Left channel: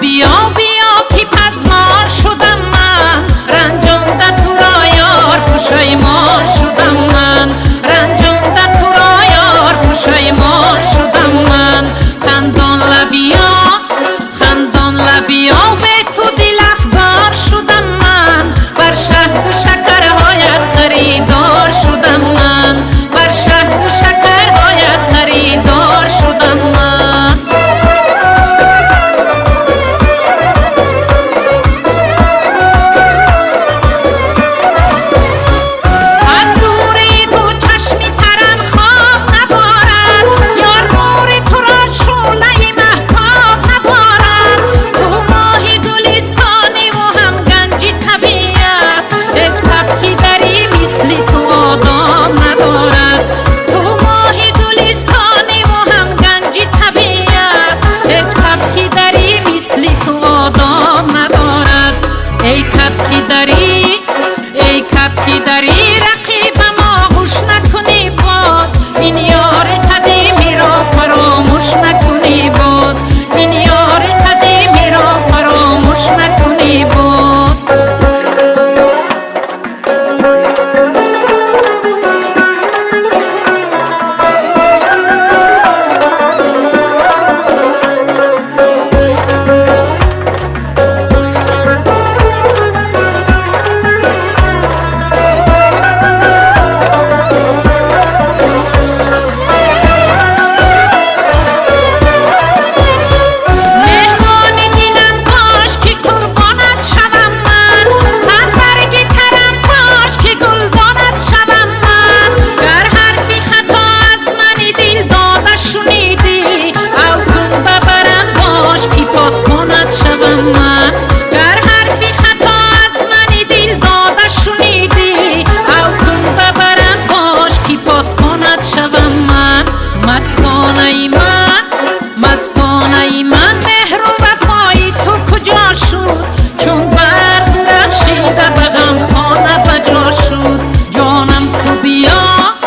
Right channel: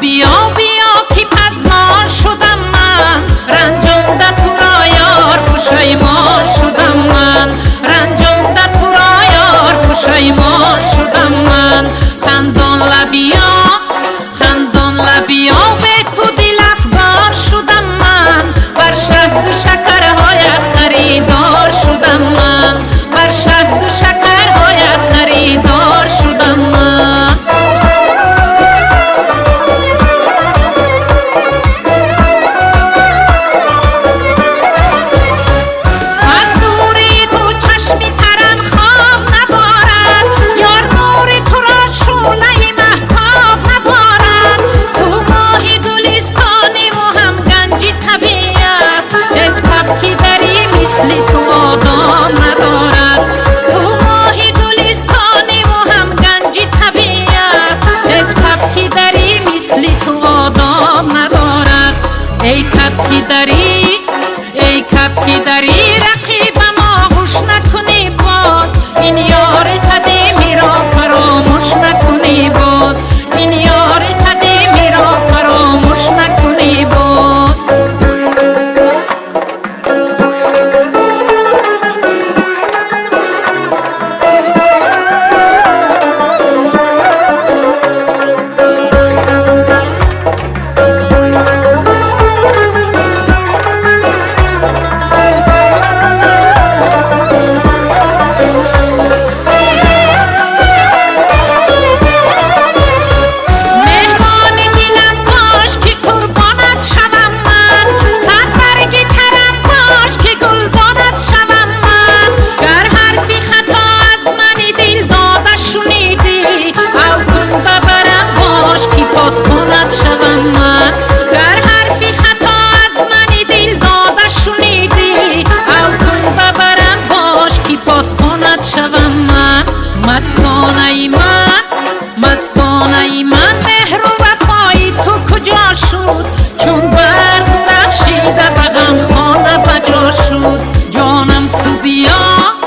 بیا بیا که پزمان شدم من، رنجانده تو را یار پشیمان شدم من، رنجانده تو را یار پشیمان شدم من. خندان لبیا به تو دل افگار شدم من، بر شهد و شکرهایت خریدار شدم من، بر شهد و شکرهایت خریدار شدم من. از دوری تو چشمی ترم خواب ندارد، یار نور تو را شعله مهتاب ندارد. تو ماهی گلستانی و هم گنجی طبیعت، هیچ کبکی دری مثل تو آداب ندارد. تو ماهی گلستانی و هم گنجی طبیعت، هیچ کبکی دری مثل تو آداب ندارد. ای کبکی دری رقیبم آغوش نکنی باز، این یار قدیمی را فراموش نکنی باز، این یار قدیمی را فراموش نکنی باز. شوم من گر حرفی خطا از من دل داده شنیدی، او کن ببرم باش که پاس کند شوم من. مستانه من مهر و وفای تو کجا شد، چون برق درخشیده به غم خانه بجا شد. جانم تو بیا